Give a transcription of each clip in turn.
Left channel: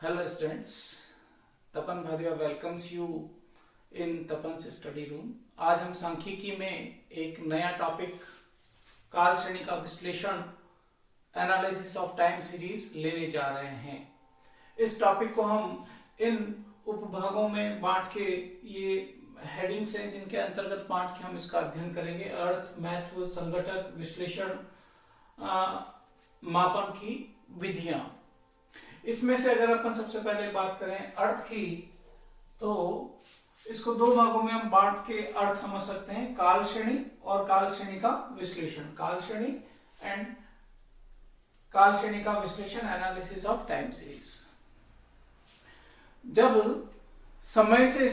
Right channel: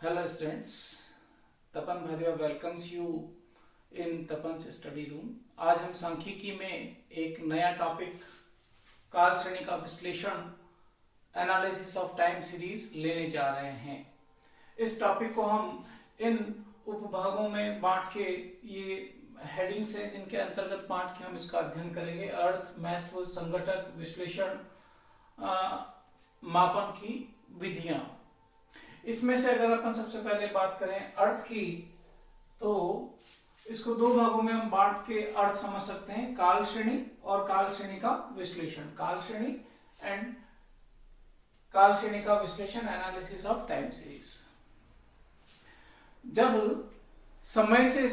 Hello students, Tapan Bhadiya welcomes you in Tapan's study room. आज हम सांख्यिकी में एक नया टॉपिक काल श्रेणी का विश्लेषण एनालिसिस ऑफ टाइम सीरीज लेने जा रहे हैं। इस टॉपिक को हम इन उपभागों में बांट के, ये हेडिंग्स हैं जिनके अंतर्गत बांट के हम इसका अध्ययन करेंगे। अर्थ, महत्व, संघटक, विश्लेषण, मापन की विधियां। इसमें से अगर अपन सबसे पहले बात करें अर्थ की, तो इसको दो भागों में हम बांट के अर्थ समझ सकते हैं, काल श्रेणी और काल श्रेणी का विश्लेषण। काल श्रेणी एंड काल श्रेणी का विश्लेषण, एनालिसिस ऑफ टाइम सीरीज। जब समय से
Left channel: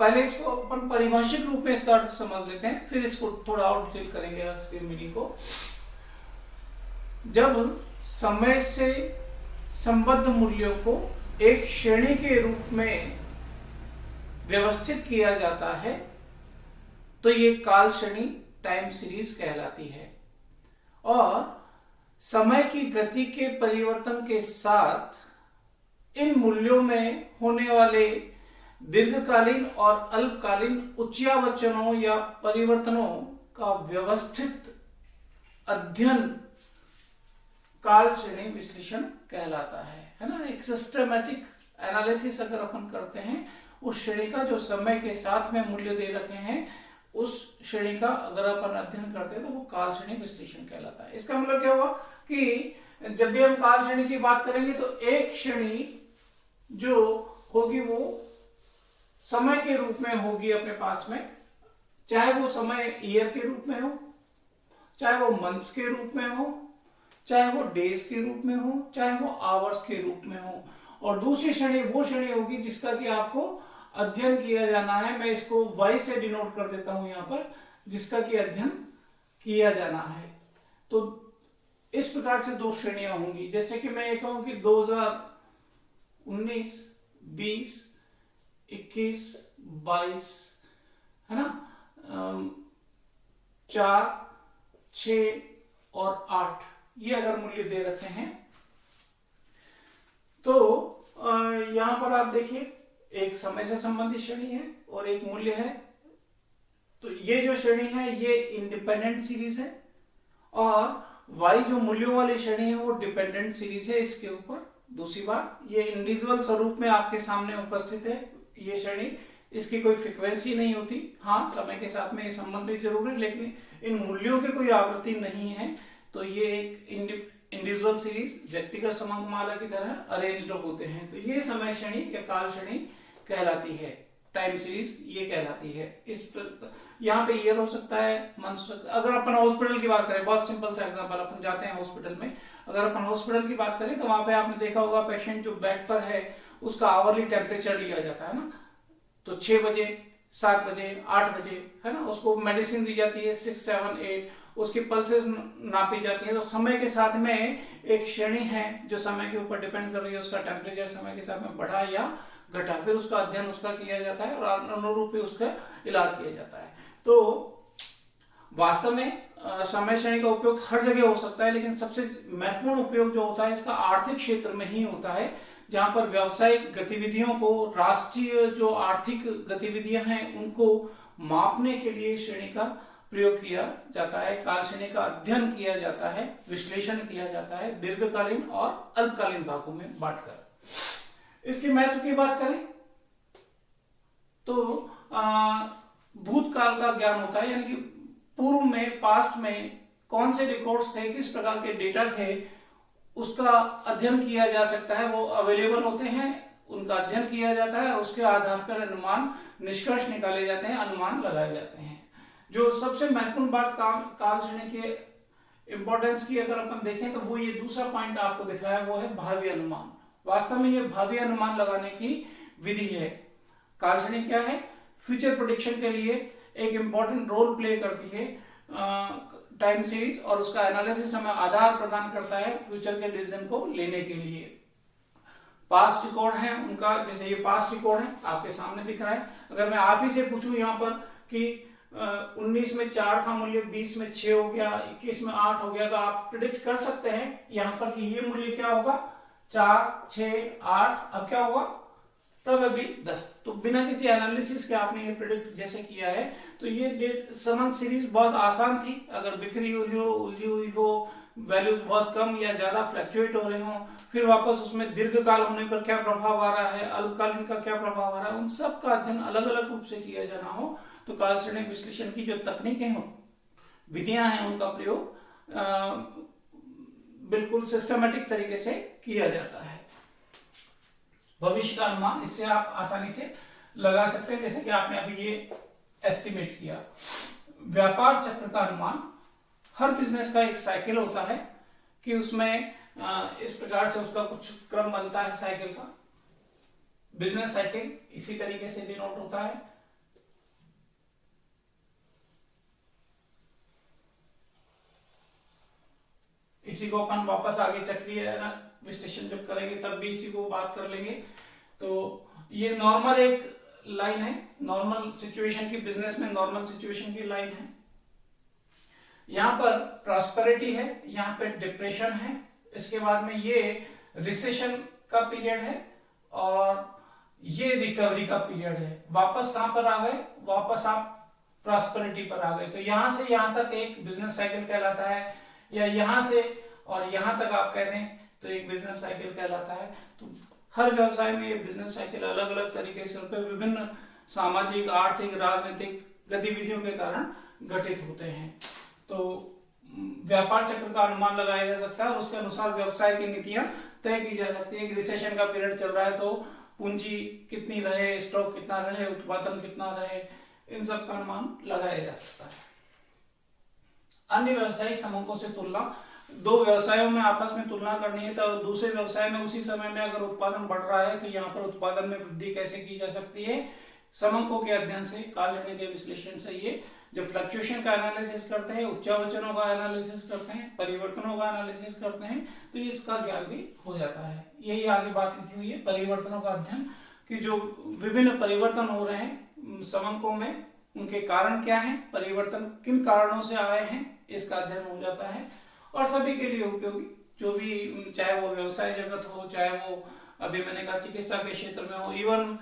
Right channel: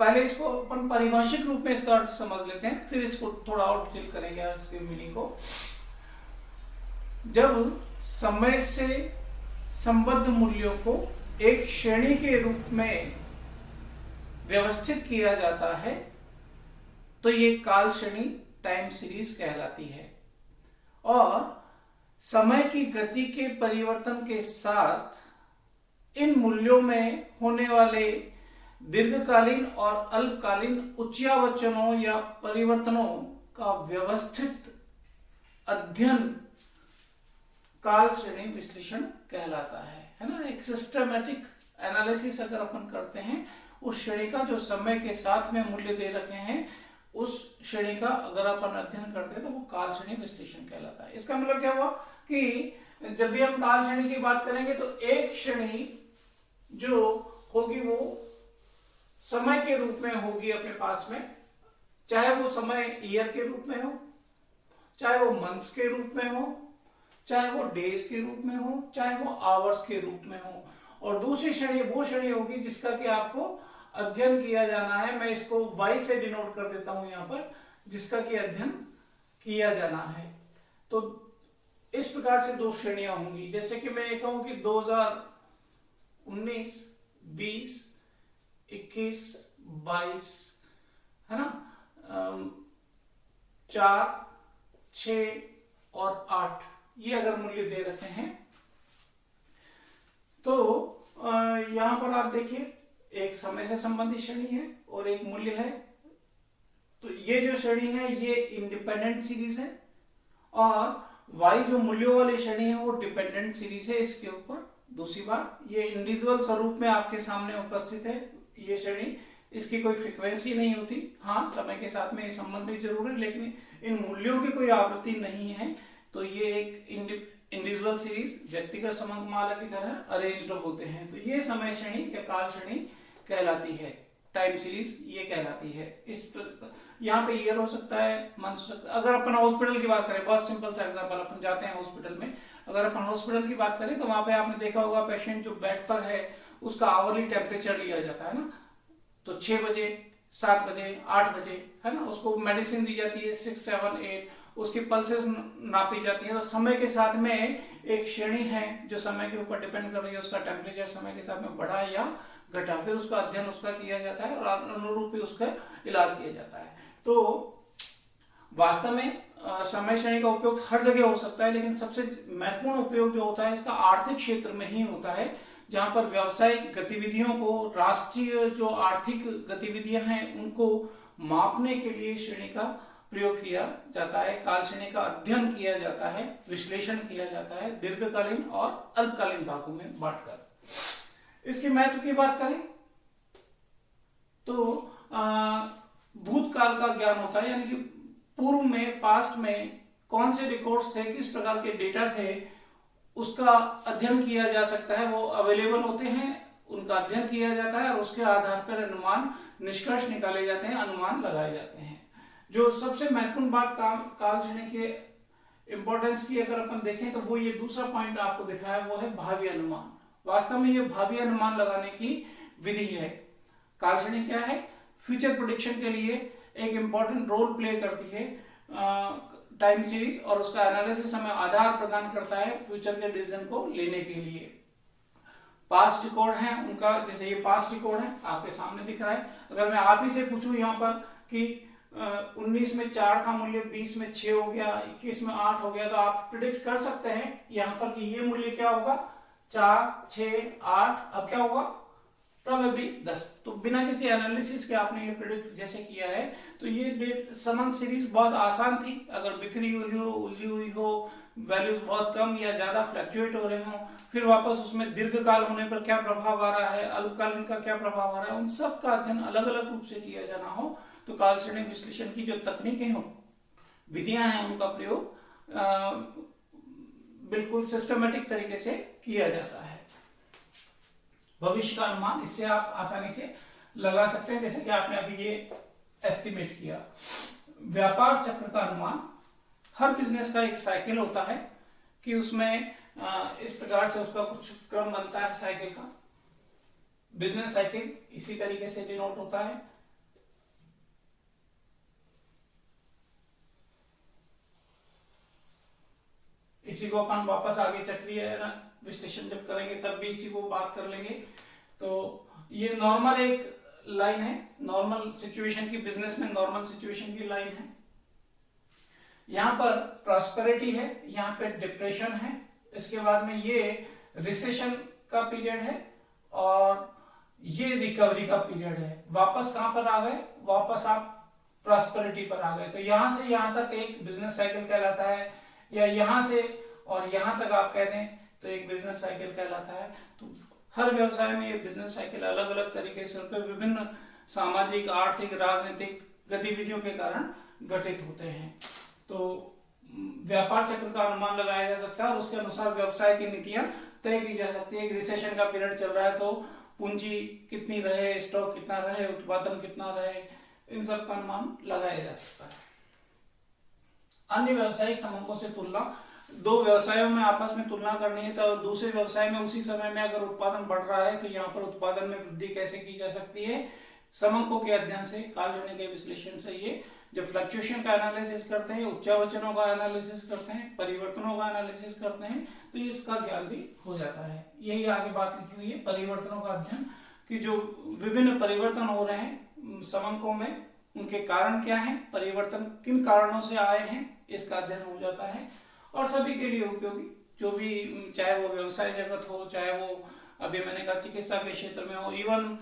पहले इसको अपन परिभाषिक रूप में इसका अर्थ समझ लेते हैं, फिर इसको थोड़ा और डिटेल करेंगे इसके मीनिंग को। जब समय से संबद्ध मूल्यों को एक श्रेणी के रूप में व्यवस्थित किया जाता है तो ये काल श्रेणी टाइम सीरीज कहलाती है। और समय की गति के परिवर्तन के साथ इन मूल्यों में होने वाले दीर्घकालीन और अल्पकालीन उच्चावचनों या परिवर्तनों का व्यवस्थित अध्ययन काल श्रेणी विश्लेषण कहलाता है ना। एक सिस्टमैटिक एनालिसिस अगर अपन करते हैं उस श्रेणी का, जो समय के साथ में मूल्य दे रखे हैं, उस श्रेणी का अगर अपन अध्ययन करते हैं तो वो काल श्रेणी विश्लेषण कहलाता है। इसका मतलब क्या हुआ कि जब भी हम काल श्रेणी की बात करेंगे तो एक श्रेणी जो होगी वो समय के रूप में होगी अपने पास में, चाहे वो समय ईयर के रूप में हो, चाहे वो मंथ्स के रूप में हो, चाहे वो डेज के रूप में हो, चाहे वो आवर्स के रूप में हो। और दूसरी श्रेणी वो श्रेणी होगी जिसका कि आपको अध्ययन किया जाना है। मैं इसको वाई से डिनोट कर देता हूं यहां पर, जिसका कि अध्ययन किया जाना है। तो इस प्रकार से दो श्रेणियां होंगी। जैसे कि मैं ये कहूं कि 2019, 20, 21, 22 है ना, 4, 6 और 8 ये अगर मूल्य दे रखे हैं तो यहां पर आप देखिए एक समय से संबंधित श्रेणी है और एक मूल्य है। तो ये जो श्रेणी है ये इंडिपेंडेंट सीरीज है और y जो मूल्यों वाली श्रेणी है वो डिपेंडेंट सीरीज है इसके ऊपर। दूसरी बात, ये इंडिविजुअल स्वरूप में आपके सामने उपस्थित है ये श्रेणी, इसकी कोई फ्रीक्वेंसी नहीं होती। हाँ, समय के साथ में ये संबंधित जरूर है, लेकिन इन मूल्यों की कोई आवृत्ति नहीं है। तो ये एक इंडिविजुअल सीरीज व्यक्तिगत समंगमाला की तरह अरेंज्ड होते हैं। तो ये समय श्रेणी या काल श्रेणी कहलाती है, टाइम सीरीज ये कहलाती है। इस यहाँ पे ईयर हो सकता है, मंथ। अगर अपन हॉस्पिटल की बात करें, बहुत सिंपल सा एग्जांपल, अपन जाते हैं हॉस्पिटल में, अगर अपन हॉस्पिटल की बात करें तो वहां पे आपने देखा होगा पेशेंट जो बेड पर है उसका आवरली टेम्परेचर लिया जाता है ना। तो 6 बजे, 7 बजे, 8 बजे है ना, उसको मेडिसिन दी जाती है, 6, 7, 8, उसकी पल्सेस नापी जाती है। तो समय के साथ में एक श्रेणी है जो समय के ऊपर डिपेंड कर रही है, उसका टेम्परेचर समय के साथ में बढ़ा या घटा, फिर उसका अध्ययन उसका किया जाता है और अनुरूप ही उसका इलाज किया जाता है। तो वास्तव में समय श्रेणी का उपयोग हर जगह हो सकता है, लेकिन सबसे महत्वपूर्ण उपयोग जो होता है इसका आर्थिक क्षेत्र में ही होता है, जहां पर व्यावसायिक गतिविधियों को, राष्ट्रीय जो आर्थिक गतिविधियां हैं उनको मापने के लिए श्रेणी का प्रयोग किया जाता है। काल श्रेणी का अध्ययन किया जाता है, विश्लेषण किया जाता है दीर्घकालीन और अल्पकालीन भागों में बांटकर। इसके महत्व की बात करें तो भूतकाल का ज्ञान होता है, यानी कि पूर्व में, पास्ट में कौन से रिकॉर्ड्स थे, किस प्रकार के डेटा थे, उसका अध्ययन किया जा सकता है। वो अवेलेबल होते हैं, उनका अध्ययन किया जाता है और उसके आधार पर अनुमान, निष्कर्ष निकाले जाते हैं, अनुमान लगाए जाते हैं। जो सबसे महत्वपूर्ण बात काल श्रेणी के इंपॉर्टेंस की अगर अपन देखें तो वो ये दूसरा पॉइंट आपको दिख रहा है, वो है भावी अनुमान। वास्तव में ये भावी अनुमान लगाने की विधि है। काल श्रेणी क्या है? फ्यूचर प्रेडिक्शन के लिए एक इंपॉर्टेंट रोल प्ले करती है टाइम सीरीज, और उसका एनालिसिस हमें आधार प्रदान करता है फ्यूचर के डिसीजन को लेने के लिए। पास्ट रिकॉर्ड है उनका, जैसे ये पास्ट रिकॉर्ड है आपके सामने दिख रहा है। अगर मैं आप ही से पूछूं यहाँ पर कि 19 में 4 का मूल्य 20 में 6 हो गया, 21 में 8 हो गया, तो आप प्रिडिक्ट कर सकते हैं यहाँ पर कि ये मूल्य क्या होगा, 4, 6, 8, अब क्या होगा प्रोबेबली 10। तो बिना किसी एनालिसिस के आपने ये प्रेडिक्ट जैसे किया है, तो ये समंग सीरीज बहुत आसान थी। अगर बिखरी हुई हो, उलझी हुई हो, वैल्यूज बहुत कम या ज्यादा फ्लक्चुएट हो रहे हो, फिर वापस उसमें दीर्घकाल होने पर क्या प्रभाव आ रहा है, अल्पकालीन का क्या प्रभाव आ रहा है, उन सब का अध्ययन अलग अलग रूप से किया जाना हो, तो काल श्रेणी विश्लेषण की जो तकनीकें हो, विधियां हैं, उनका प्रयोग बिल्कुल सिस्टमेटिक तरीके से किया जाता है। भविष्य का अनुमान इससे आप आसानी से लगा सकते हैं, जैसे कि आपने अभी ये एस्टिमेट किया। व्यापार चक्र का अनुमान, हर बिजनेस का एक साइकिल होता है कि उसमें इस प्रकार से उसका कुछ क्रम बनता है साइकिल का। बिजनेस साइकिल इसी तरीके से डिनोट होता है। इसी को अपन वापस आगे चक्रीय विश्लेषण जब करेंगे तब भी इसी को बात कर लेंगे। तो ये नॉर्मल एक लाइन है, नॉर्मल सिचुएशन की, बिजनेस में नॉर्मल सिचुएशन की लाइन है। यहां पर प्रॉस्पेरिटी है, यहां पे डिप्रेशन है, इसके बाद में ये रिसेशन का पीरियड है और ये रिकवरी का पीरियड है। वापस कहां पर आ गए, वापस आप प्रॉस्पेरिटी पर आ गए। तो यहां से यहां तक एक बिजनेस साइकिल कहलाता है, या यहां से और यहां तक आप कहते हैं तो एक बिजनेस साइकिल कहलाता है। तो हर व्यवसाय में ये बिजनेस साइकिल अलग अलग तरीके से विभिन्न सामाजिक, आर्थिक, राजनीतिक गतिविधियों के कारण घटित होते हैं। तो व्यापार चक्र का अनुमान लगाया जा सकता है और उसके अनुसार व्यवसाय की नीतियां तय की जा सकती है। एक रिसेशन का पीरियड चल रहा है तो पूंजी कितनी रहे, स्टॉक कितना रहे, उत्पादन कितना रहे, इन सब का अनुमान लगाया जा सकता है। अन्य व्यावसायिक समूहों से तुलना, दो व्यवसायों में आपस में तुलना करनी है तो दूसरे व्यवसाय में उसी समय में अगर उत्पादन बढ़ रहा है तो यहाँ पर उत्पादन में वृद्धि कैसे की जा सकती है, समंकों के अध्ययन से, कालजन्य के विश्लेषण से। ये जब फ्लक्चुएशन का एनालिसिस करते हैं, उच्चावचनों का एनालिसिस करते हैं, परिवर्तनों का एनालिसिस करते हैं, तो इसका ज्ञान भी हो जाता है। यही आगे बात लिखी हुई है, परिवर्तनों का अध्ययन, कि जो विभिन्न परिवर्तन हो रहे हैं समंकों में, उनके कारण क्या है, परिवर्तन किन कारणों से आए हैं, इसका अध्ययन हो जाता है। और सभी के लिए उपयोगी, जो भी, चाहे वो व्यवसाय जगत हो, चाहे वो अभी मैंने कहा चिकित्सा के क्षेत्र में हो, इवन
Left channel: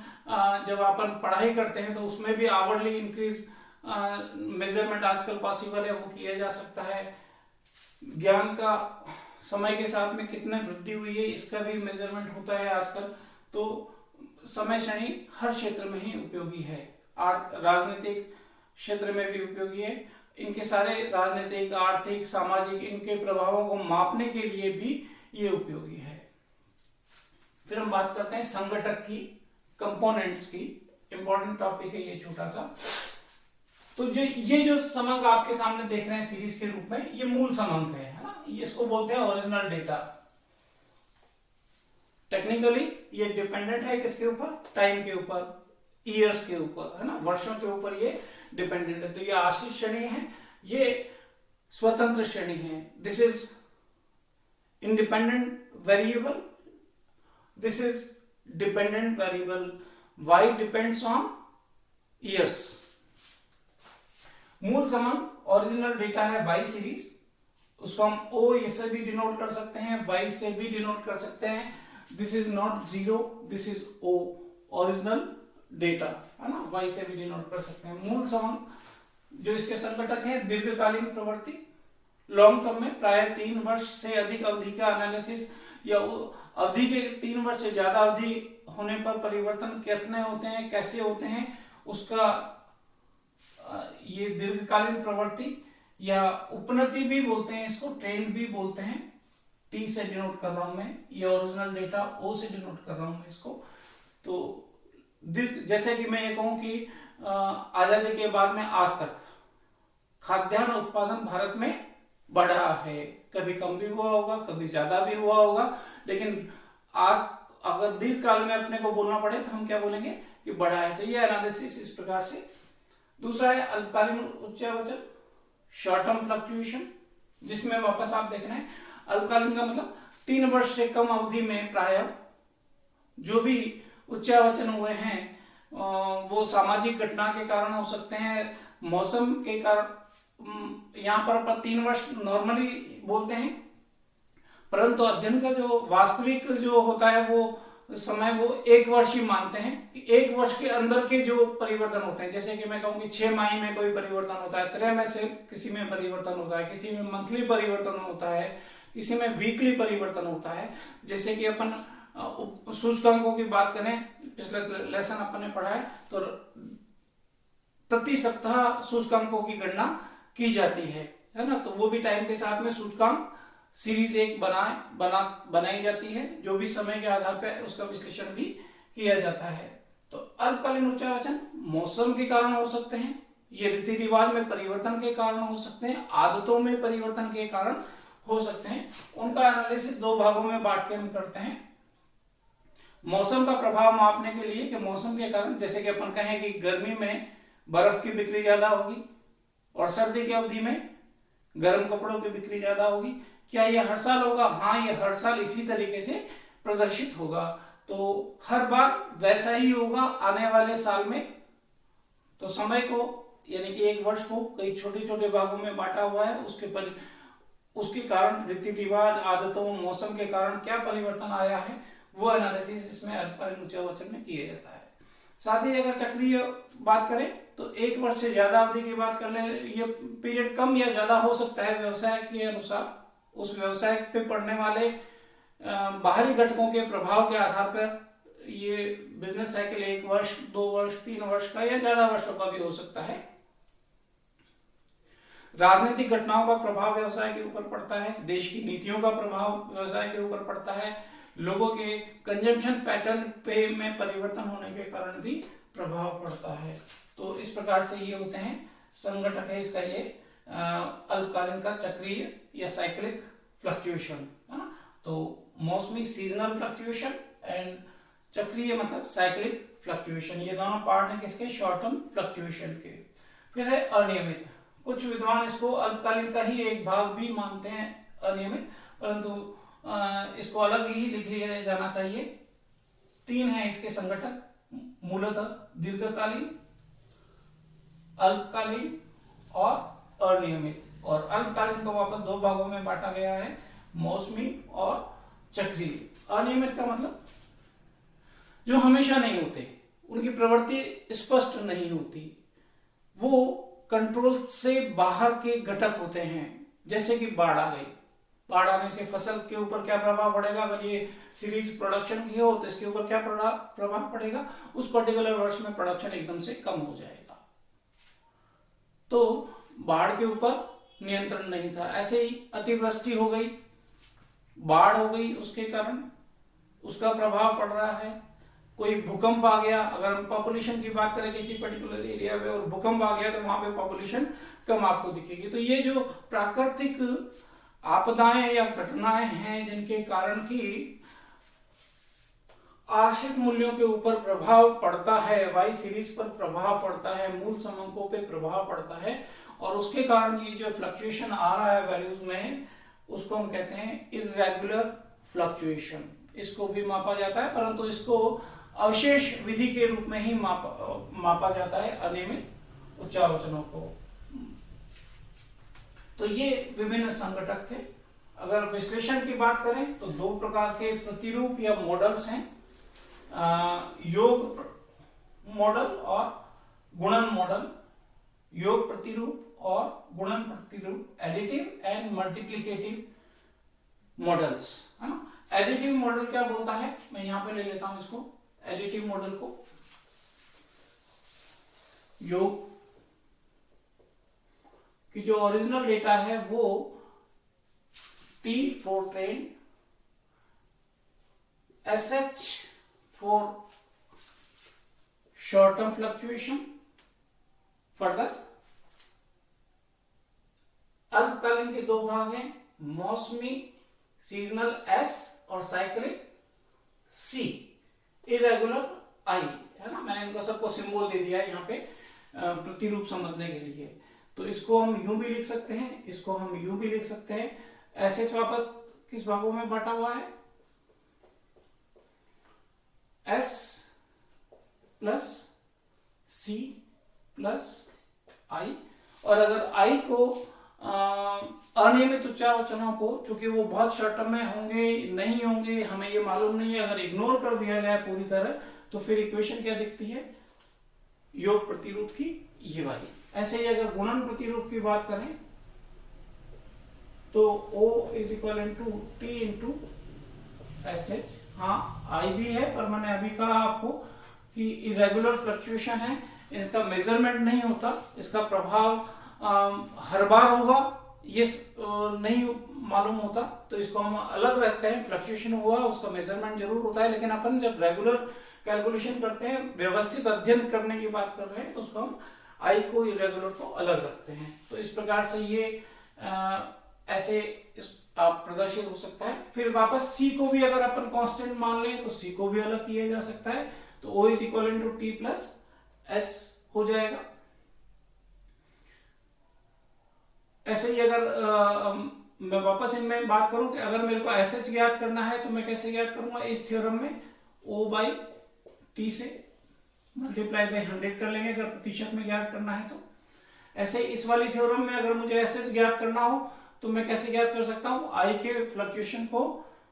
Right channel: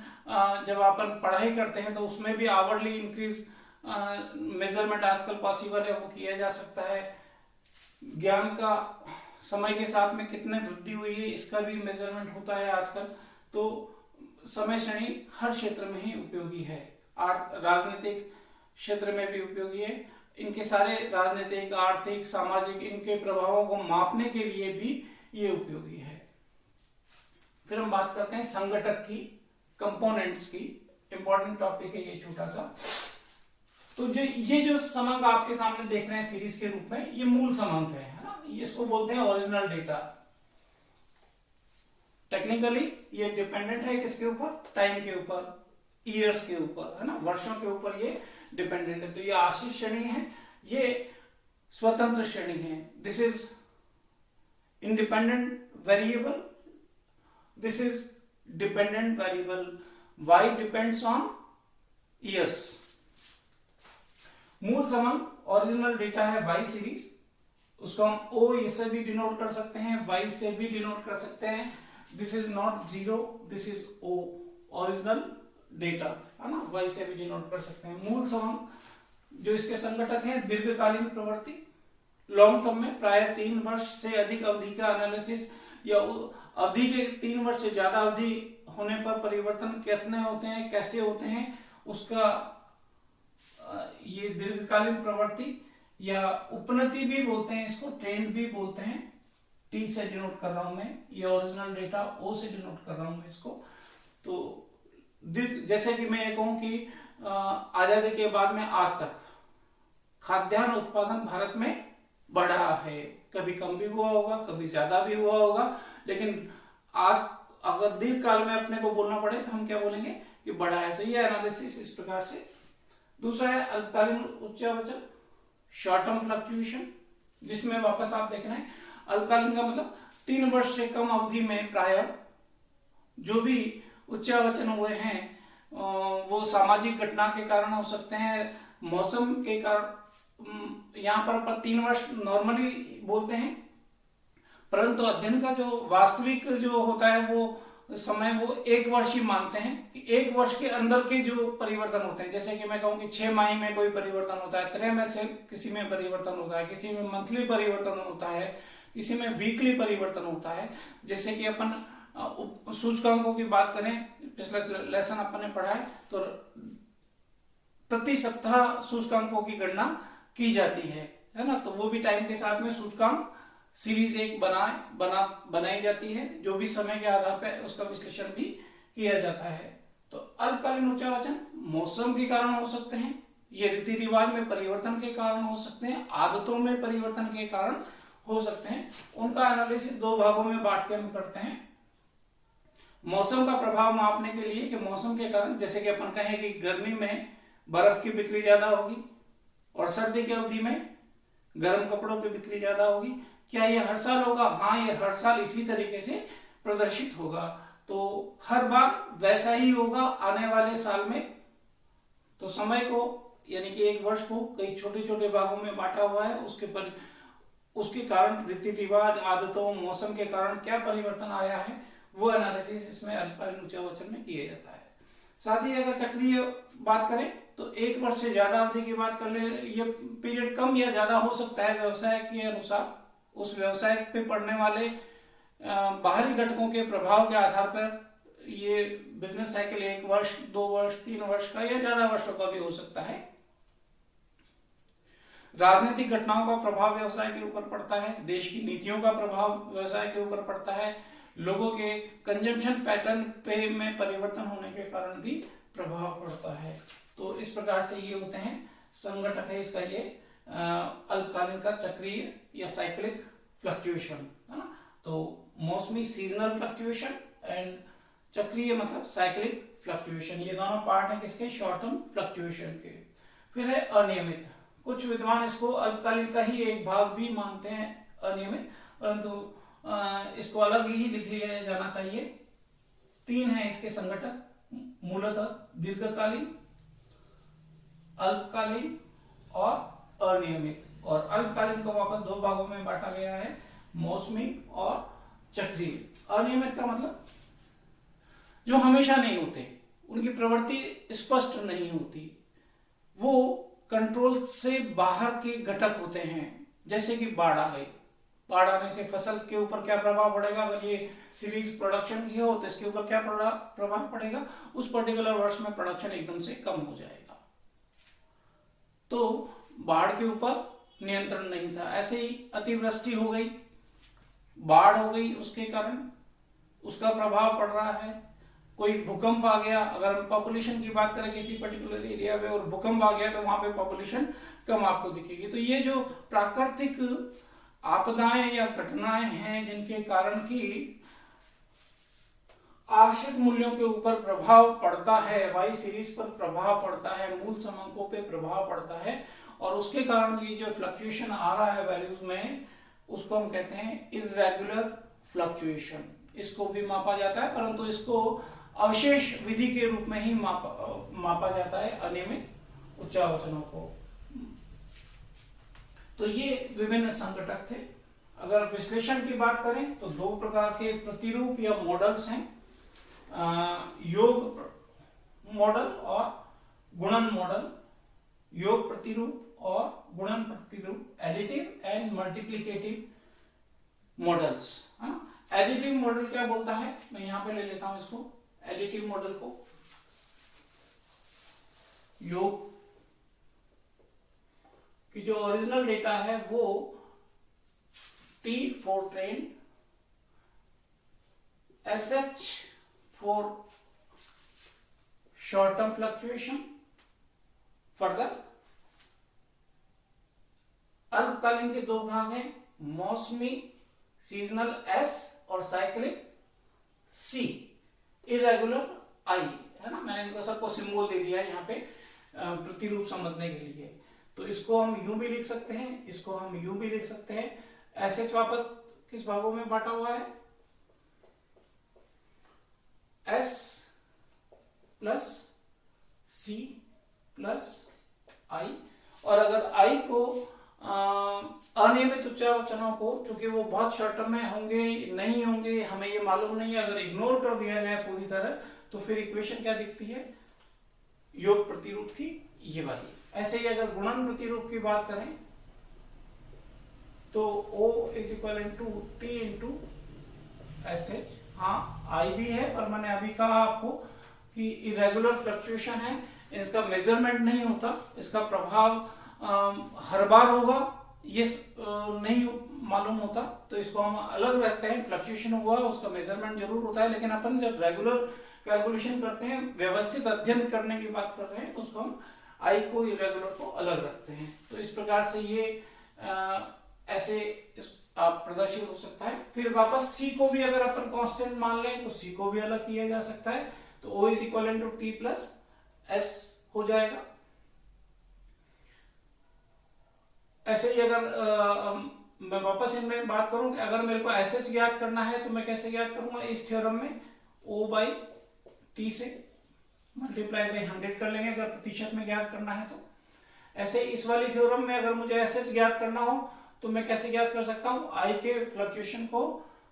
जब अपन पढ़ाई करते हैं तो उसमें भी आवरली इंक्रीज मेजरमेंट आजकल पॉसिबल है, वो किया जा सकता है। ज्ञान का समय के साथ में कितने वृद्धि हुई है, इसका भी मेजरमेंट होता है आजकल। तो समय श्रेणी हर क्षेत्र में ही उपयोगी है। राजनीतिक क्षेत्र में भी उपयोगी है। इनके सारे राजनीतिक, आर्थिक, सामाजिक, इनके प्रभावों को मापने के लिए भी ये उपयोगी है। फिर हम बात करते हैं संगठक की, कंपोनेंट्स की। इंपॉर्टेंट टॉपिक है ये छोटा सा। तो ये जो समंक आपके सामने देख रहे हैं सीरीज के रूप में, ये मूल समंक है ना, इसको बोलते हैं ओरिजिनल डेटा। टेक्निकली ये डिपेंडेंट है किसके ऊपर, टाइम के ऊपर, ईयर्स के ऊपर, है ना, वर्षों के ऊपर ये डिपेंडेंट है। तो ये आश्रित श्रेणी है, ये स्वतंत्र श्रेणी है। This is independent variable, this is dependent variable. Y depends on years. मूल समंक ओरिजिनल डेटा है वाई सीरीज, उसको हम ओ से भी डिनोट कर सकते हैं, वाई से भी डिनोट कर सकते हैं। This is not zero, this is O, original data, है ना, वाई से भी डिनोट कर सकते हैं। मूल समंक जो इसके संगठक हैं, दीर्घकालीन प्रवृत्ति, लॉन्ग टर्म में प्राय 3 वर्ष से अधिक अवधि का एनालिसिस, या अवधि के 3 वर्ष से ज्यादा अवधि होने पर परिवर्तन कितने होते हैं, कैसे होते हैं, उसका ये दीर्घकालीन प्रवृत्ति या उपनति भी बोलते हैं, इसको ट्रेंड भी बोलते हैं। टी से डिनोट कर रहा हूं मैं, ये ओरिजिनल डेटा ओ से डिनोट कर रहा हूं मैं इसको। तो जैसे कि मैं ये कहूं कि आजादी के बाद में आज तक खाद्यान्न उत्पादन भारत में बढ़ा है, कभी कम भी हुआ होगा, कभी ज्यादा भी हुआ होगा, लेकिन आज अगर दीर्घ काल में अपने को बोलना पड़े तो हम क्या बोलेंगे कि बढ़ा है। तो ये एनालिसिस इस प्रकार से। दूसरा है अल्पकालीन उच्चावचन, शॉर्ट टर्म फ्लक्चुएशन, जिसमें वापस आप देख रहे हैं अल्पकालीन का मतलब 3 वर्ष से कम अवधि में प्राय जो भी उच्चावचन हुए हैं वो सामाजिक घटना के कारण हो सकते हैं, मौसम के कारण। यहाँ पर 3 वर्ष नॉर्मली बोलते हैं, परंतु अध्ययन का जो वास्तविक जो होता है वो समय वो 1 वर्ष ही मानते हैं कि 1 वर्ष के अंदर के जो परिवर्तन होते हैं, जैसे कि मैं कहूँ कि 6 माह में कोई परिवर्तन होता है, त्रैमासिक से किसी में परिवर्तन होता है, किसी में मंथली परिवर्तन होता है, किसी में वीकली परिवर्तन होता है। जैसे कि अपन सूचकांकों की बात करें, पिछले लेसन अपन ने पढ़ा है, तो प्रति सप्ताह सूचकांकों की गणना की जाती है ना। तो वो भी टाइम के साथ में सूचकांक सीरीज एक बनाई जाती है, जो भी समय के आधार पर उसका विश्लेषण भी किया जाता है। तो अल्पकालीन उच्चावचन मौसम के कारण हो सकते हैं, ये रीति रिवाज में परिवर्तन के कारण हो सकते हैं, आदतों में परिवर्तन के कारण हो सकते हैं। उनका एनालिसिस 2 भागों में बांट के हम करते हैं। मौसम का प्रभाव मापने के लिए कि मौसम के कारण, जैसे कि अपन कहें कि गर्मी में बर्फ की बिक्री ज्यादा होगी और सर्दी की अवधि में गर्म कपड़ों की बिक्री ज्यादा होगी। क्या ये हर साल होगा? हाँ, ये हर साल इसी तरीके से प्रदर्शित होगा। तो हर बार वैसा ही होगा आने वाले साल में। तो समय को यानी कि 1 वर्ष को कई छोटे छोटे भागों में बांटा हुआ है, उसके कारण रीति रिवाज, आदतों, मौसम के कारण क्या परिवर्तन आया है, वो एनालिसिस इसमें अल्पकालीन उच्चावचन में किया जाता है। साथ ही अगर चक्रीय बात करें तो 1 वर्ष से ज्यादा अवधि की बात कर ले, ये पीरियड कम या ज्यादा हो सकता है व्यवसाय के अनुसार। उस व्यवसाय पे पड़ने वाले बाहरी घटकों के प्रभाव के आधार पर ये बिजनेस साइकिल 1 वर्ष, 2 वर्ष, 3 वर्ष का या ज्यादा वर्षों का भी हो सकता है। राजनीतिक घटनाओं का प्रभाव व्यवसाय के ऊपर पड़ता है, देश की नीतियों का प्रभाव व्यवसाय के ऊपर पड़ता है, लोगों के कंजम्पशन पैटर्न पे में परिवर्तन होने के कारण भी प्रभाव पड़ता है। तो इस प्रकार से ये होते हैं, संगठक है इसका ये अल्पकालीन का चक्रीय या साइक्लिक फ्लक्चुएशन, है ना। तो मौसमी सीजनल फ्लक्चुएशन एंड चक्रीय मतलब साइक्लिक फ्लक्चुएशन, ये दोनों पार्ट हैं किसके? शॉर्ट टर्म फ्लक्चुएशन के। फिर है अनियमित। कुछ विद्वान इसको अल्पकालीन का ही एक भाग भी मानते हैं अनियमित, परंतु इसको अलग ही लिख लिया जाना चाहिए। 3 है इसके संगठक, मूलतः दीर्घकालीन, अल्पकालीन और अनियमित। और अल्पकालीन को वापस 2 भागों में बांटा गया है, मौसमी और चक्रीय। अनियमित का मतलब जो हमेशा नहीं होते, उनकी प्रवृत्ति स्पष्ट नहीं होती, वो कंट्रोल से बाहर के घटक होते हैं। जैसे कि बाढ़ आ गई, बाढ़ आने से फसल के ऊपर क्या प्रभाव पड़ेगा? अगर ये सीरीज प्रोडक्शन की हो तो इसके ऊपर क्या प्रभाव पड़ेगा? उस पर्टिकुलर वर्ष में प्रोडक्शन एकदम से कम हो जाएगा। तो बाढ़ के ऊपर नियंत्रण नहीं था। ऐसे ही अतिवृष्टि हो गई, बाढ़ हो गई, उसके कारण उसका प्रभाव पड़ रहा है। कोई भूकंप आ गया, अगर हम पॉपुलेशन की बात करें किसी पर्टिकुलर एरिया में और भूकंप आ गया तो वहां पे पॉपुलेशन कम आपको दिखेगी। तो ये जो प्राकृतिक आपदाएं या घटनाएं हैं जिनके कारण की आश्रित मूल्यों के ऊपर प्रभाव पड़ता है, वाई सीरीज पर प्रभाव पड़ता है, मूल समंकों पे प्रभाव पड़ता है, और उसके कारण ये जो फ्लक्चुएशन आ रहा है वैल्यूज में, उसको हम कहते हैं इर्रेगुलर फ्लक्चुएशन। इसको भी मापा जाता है, परंतु इसको अवशेष विधि के रूप में ही मापा जाता है अनियमित उच्चावचनों को। तो ये विभिन्न संघटक थे। अगर विश्लेषण की बात करें तो 2 प्रकार के प्रतिरूप या मॉडल्स हैं, योग मॉडल और गुणन मॉडल। योग प्रतिरूप और गुणन प्रतिरूप, एडिटिव एंड मल्टीप्लिकेटिव मॉडल्स, है ना। एडिटिव मॉडल क्या बोलता है, मैं यहां पे ले लेता हूं इसको, एडिटिव मॉडल को। योग की जो ओरिजिनल डेटा है वो T for train, SH for short term fluctuation, further अल्पकालीन के 2 भाग हैं, मौसमी सीजनल S और साइक्लिक C, इरेगुलर I, है ना। मैंने इनको सबको सिंबल दे दिया है यहाँ पे प्रतिरूप समझने के लिए। तो इसको हम यूं भी लिख सकते हैं, इसको हम यूं भी लिख सकते हैं। SH वापस किस भागों में बांटा हुआ है? S plus C plus I, और अगर I को अनियमित उच्चावचनों को, चूंकि वो बहुत शॉर्ट टर्म में होंगे नहीं होंगे हमें ये मालूम नहीं है, अगर इग्नोर कर दिया जाए पूरी तरह तो फिर इक्वेशन क्या दिखती है, योग प्रतिरूप की ये वाली। ऐसे ही अगर गुणन प्रतिरूप की बात करें तो O is equal to T into S H. हाँ आई भी है, पर मैंने अभी कहा आपको कि इरेगुलर फ्लक्चुएशन है, इसका मेजरमेंट नहीं होता, इसका प्रभाव हर बार होगा ये नहीं मालूम होता, तो इसको हम अलग रखते हैं। फ्लक्चुएशन हुआ उसका मेजरमेंट जरूर होता है, लेकिन अपन जब रेगुलर कैलकुलेशन करते हैं, व्यवस्थित अध्ययन करने की बात कर रहे हैं, तो उसको हम आई को इरेगुलर को अलग रखते हैं। तो इस प्रकार से ये ऐसे आप प्रदर्शित हो सकता है। फिर वापस सी को भी अगर अपन कांस्टेंट मान लें तो सी को भी अलग किया जा सकता है, तो O is equal to T plus S हो जाएगा। ऐसे ही अगर मैं वापस इनमें बात करूं कि अगर मेरे को एसएच ज्ञात करना है तो मैं कैसे ज्ञात करूंगा, इस थ्योरम में O बाई टी से मल्टीप्लाई बाई 100 कर लेंगे अगर प्रतिशत में ज्ञात करना है तो। ऐसे इस वाली थ्योरम में अगर मुझे एसएच ज्ञात करना हो तो मैं कैसे ज्ञात कर सकता हूं, आई के फ्लक्चुएशन को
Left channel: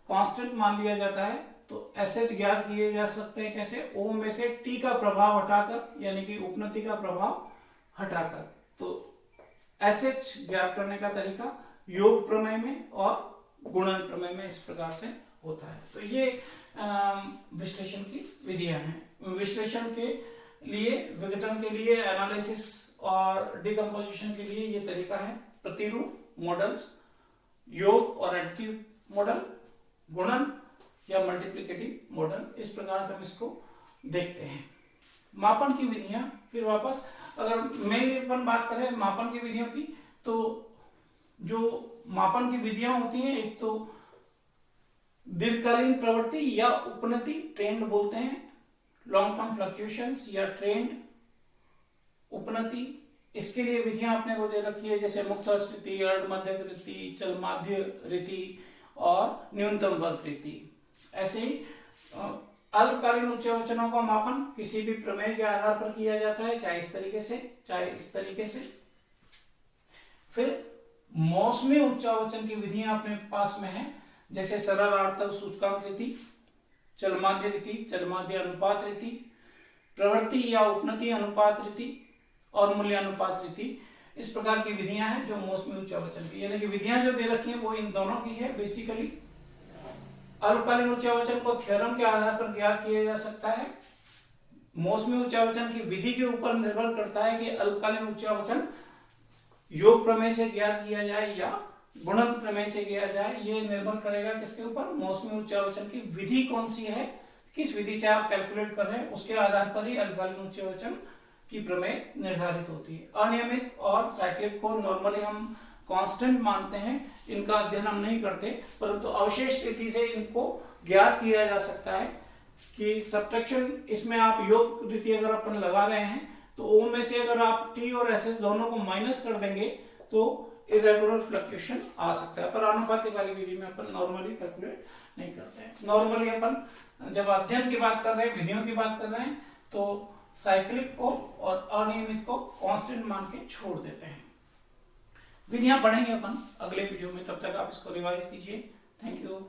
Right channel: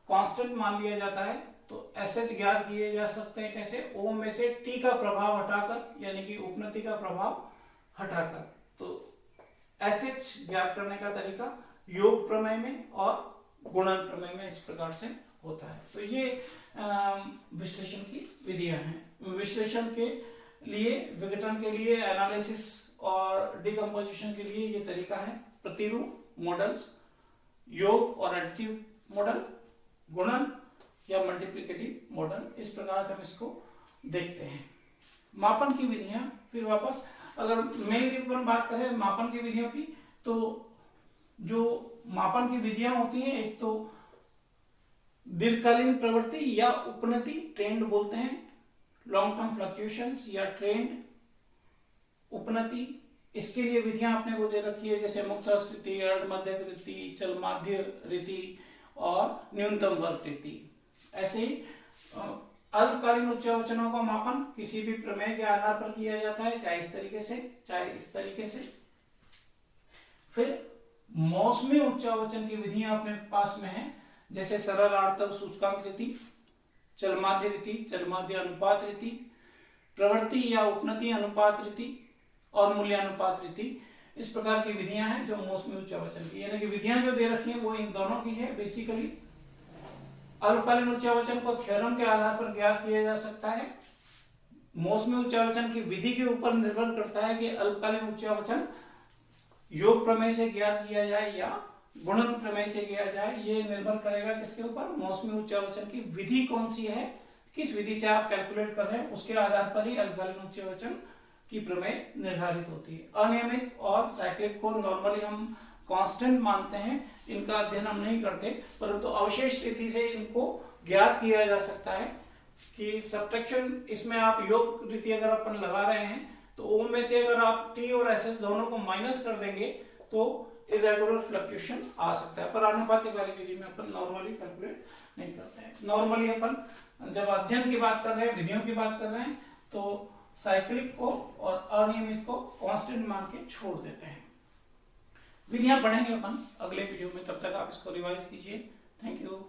कांस्टेंट मान लिया जाता है, तो एसएच ज्ञात किए जा सकते हैं कैसे, O में से टी का प्रभाव हटाकर, यानी कि उपनति का प्रभाव हटाकर। तो एसएच ज्ञात करने का तरीका योग प्रमेय में और गुणन प्रमेय में इस प्रकार से होता है। तो ये विश्लेषण की विधियां हैं। विश्लेषण के लिए, विघटन के लिए, एनालिसिस और डिकम्पोजिशन के लिए ये तरीका है। प्रतिरूप मॉडल्स, योग और एडिटिव मॉडल, गुणन या मल्टीप्लिकेटिव मॉडल, इस प्रकार से हम इसको देखते हैं। मापन की विधियां, फिर वापस अगर मेनली अपन बात करें मापन की विधियों की, तो जो मापन की विधियां होती हैं, एक तो दीर्घकालीन प्रवृत्ति या उपनति, ट्रेंड बोलते हैं, लॉन्ग टर्म फ्लक्चुएशंस या ट्रेंड, उपनति, इसके लिए विधियां आपने को दे रखी है, जैसे मुक्त स्थिति, अर्ध मध्य रीति, चल माध्य रीति और न्यूनतम वर्ग रीति। ऐसे ही अल्पकालीन उच्चावचनों का मापन किसी भी प्रमेय के आधार पर किया जाता है, चाहे इस तरीके से चाहे इस तरीके से। फिर मौसमी उच्चावचन की विधियां अपने पास में है, जैसे सरल आवर्तक सूचकांक रीति, चलमाध्य रीति, चलमाध्य अनुपात रीति, प्रवृत्ति या उपनति अनुपात रीति और मूल्यानुपात रीति। इस प्रकार की विधियां हैं जो मौसमी उच्चावचन की, यानी कि विधियां जो दे रखी है वो इन दोनों की है बेसिकली। अल्पकालीन उच्चावचन को थ्योरम के आधार पर ज्ञात किया जा सकता है। मौसमी उच्चावचन की विधि के ऊपर निर्भर करता है कि अल्पकालीन उच्चावचन योग प्रमेय से ज्ञात किया जाए या गुणन प्रमेय से किया जाए, ये निर्भर करेगा किसके ऊपर, मौसमी उच्चावचन की विधि कौन सी है, किस विधि से आप कैलकुलेट कर रहे हैं, उसके आधार पर ही अल्पकालीन उच्चावचन की प्रमेय निर्धारित होती है। अनियमित और साइक्लिक को नॉर्मली हम कांस्टेंट मानते हैं, इनका अध्ययन हम नहीं करते, परंतु अवशेष रीति से इनको ज्ञात किया जा सकता है कि सब्ट्रैक्शन, इसमें आप योग रीति अगर अपन लगा रहे हैं तो O में से अगर आप T और SS दोनों को माइनस कर देंगे तो इरेगुलर फ्लक्चुएशन आ सकता है, पर आनुपातिक वाली विधि में अपन नॉर्मली कैलकुलेट नहीं करते हैं। नॉर्मली अपन जब अध्ययन की बात कर रहे हैं, विधियों की बात कर रहे हैं, तो साइक्लिक को और अनियमित को कांस्टेंट मान के छोड़ देते हैं। विधियां पढ़ेंगे अपन अगले वीडियो में, तब तक आप इसको रिवाइज कीजिए। Thank you.